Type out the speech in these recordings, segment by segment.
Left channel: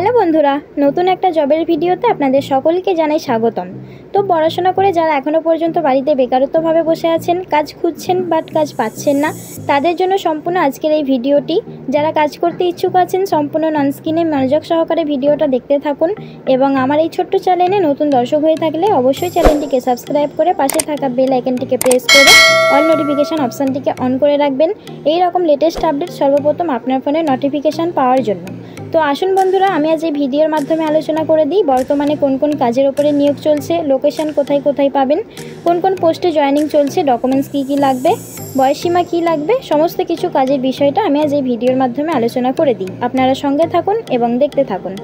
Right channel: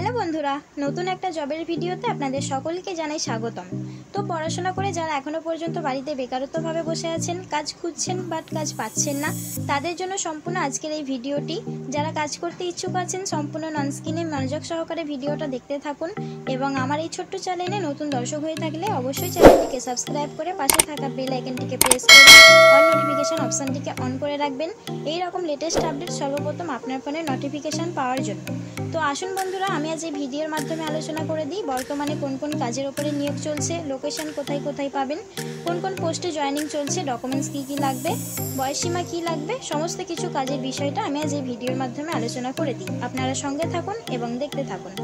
Hello বন্ধুরা, নতুন একটা জবের ভিডিওতে আপনাদের সকলকে জানাই স্বাগতম। তো পড়াশোনা করে যারা এখনও পর্যন্ত বাড়িতে বেকারত্বভাবে বসে আছেন, কাজ খুঁজছেন বাট কাজ পাচ্ছেন না, তাদের জন্য সম্পূর্ণ আজকের এই ভিডিওটি। যারা কাজ করতে ইচ্ছুক আছেন সম্পূর্ণ নন স্ক্রিনে মনোযোগ সহকারে ভিডিওটা দেখতে থাকুন। এবং আমার এই ছোট্ট চ্যানেলে নতুন দর্শক হয়ে থাকলে অবশ্যই চ্যানেলটিকে সাবস্ক্রাইব করে পাশে থাকা বেল আইকনটিকে প্রেস করে অল নোটিফিকেশান অপশানটিকে অন করে রাখবেন, এই রকম লেটেস্ট আপডেট সর্বপ্রথম আপনার ফোনে নোটিফিকেশান পাওয়ার জন্য। তো আসুন বন্ধুরা, আমি আজ এই ভিডিওর মাধ্যমে আলোচনা করে দিই বর্তমানে কোন কোন কাজের উপরে নিয়োগ চলছে, লোকেশন কোথায় কোথায় পাবেন, কোন কোন পোস্টে জয়েনিং চলছে, ডকুমেন্টস কী কী লাগবে, বয়সসীমা কী লাগবে, সমস্ত কিছু কাজের বিষয়টা আমি আজ এই ভিডিওর মাধ্যমে আলোচনা করে দিই। আপনারা সঙ্গে থাকুন এবং দেখতে থাকুন।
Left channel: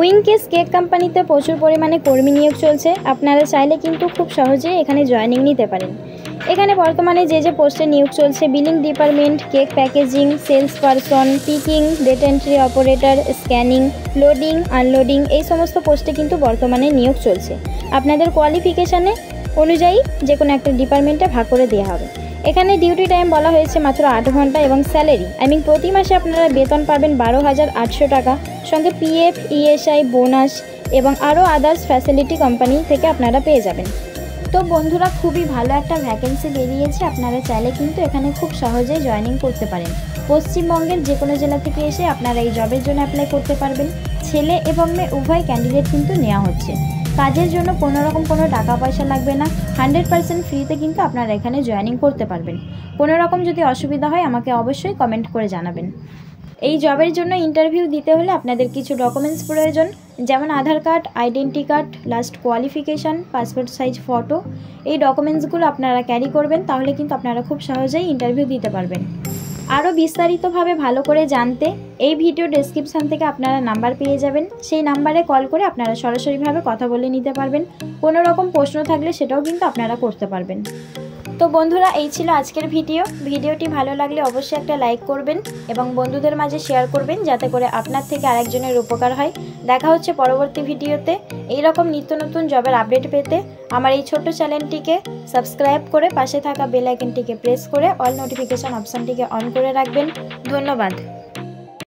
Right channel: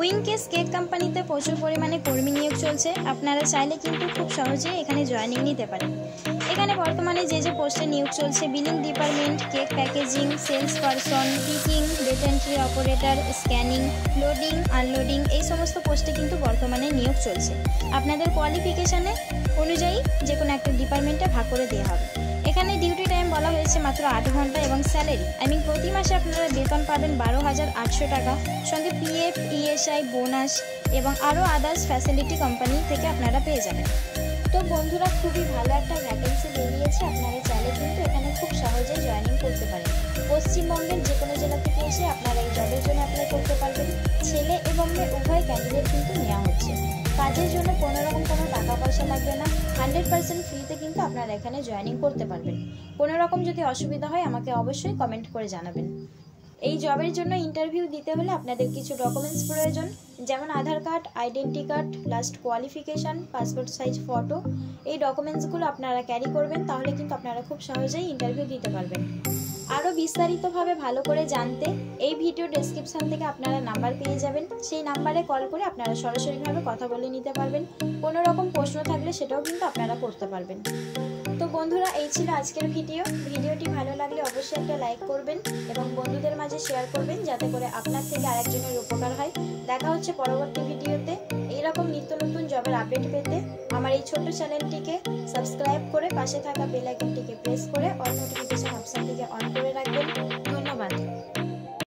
উইংকেস কেক কোম্পানিতে প্রচুর পরিমাণে কর্মী নিয়োগ চলছে। আপনারা চাইলে কিন্তু খুব সহজেই এখানে জয়েনিং নিতে পারেন। এখানে বর্তমানে যে পোস্টে নিয়োগ চলছে, billing department, cake packaging, sales person, picking, data entry operator, scanning, loading, unloading, এই সমস্ত পোস্টে কিন্তু বর্তমানে নিয়োগ চলছে। আপনাদের কোয়ালিফিকেশানে অনুযায়ী যে কোনো একটা ডিপার্টমেন্টে ভাগ করে দেওয়া হবে। এখানে ডিউটি টাইম বলা হয়েছে মাত্র 8 ঘন্টা এবং স্যালারি প্রতি মাসে আপনারা বেতন পাবেন 12,800 টাকা, সঙ্গে পিএফ, ইএসআই, বোনাস এবং আরও আদার্স ফ্যাসিলিটি কোম্পানি থেকে আপনারা পেয়ে যাবেন। তো বন্ধুরা, খুবই ভালো একটা ভ্যাকেন্সি বেরিয়েছে। আপনারা চাইলে কিন্তু এখানে খুব সহজেই জয়েনিং করতে পারেন। পশ্চিমবঙ্গের যে কোনো জেলা থেকে এসে আপনারা এই জবের জন্য অ্যাপ্লাই করতে পারবেন। ছেলে এবং মেয়ে উভয় ক্যান্ডিডেট কিন্তু নেওয়া হচ্ছে। কাজের জন্য কোনোরকম কোনো টাকা পয়সা লাগবে না, 100% ফ্রিতে কিন্তু আপনারা এখানে জয়েনিং করতে পারবেন। কোনো রকম যদি অসুবিধা হয় আমাকে অবশ্যই কমেন্ট করে জানাবেন। এই জবের জন্য ইন্টারভিউ দিতে হলে আপনাদের কিছু ডকুমেন্টস প্রয়োজন, যেমন Aadhaar card, identity card, last qualification, passport size photo. এই ডকুমেন্টসগুলো আপনারা ক্যারি করবেন, তাহলে কিন্তু আপনারা খুব সহজেই ইন্টারভিউ দিতে পারবেন। আরও বিস্তারিতভাবে ভালো করে জানতে এই ভিডিও ডেসক্রিপশান থেকে আপনারা নাম্বার পেয়ে যাবেন। সেই নাম্বারে কল করে আপনারা সরাসরিভাবে কথা বলে নিতে পারবেন। কোনো রকম প্রশ্ন থাকলে সেটাও কিন্তু আপনারা করতে পারবেন। তো বন্ধুরা, এই ছিল আজকের ভিডিওটি ভালো লাগলে অবশ্যই একটা লাইক করবেন এবং বন্ধুদের মাঝে শেয়ার করবেন, যাতে করে আপনার থেকে আরেকজনের উপকার হয়। দেখা হচ্ছে পরবর্তী ভিডিওতে। এই রকম নিত্য নতুন জবের আপডেট পেতে আমার এই ছোট্ট চ্যানেলটিকে সাবস্ক্রাইব করে পাশে থাকা বেল আইকনটিকে প্রেস করে অল নোটিফিকেশান অপশানটিকে অন করে রাখবেন। ধন্যবাদ।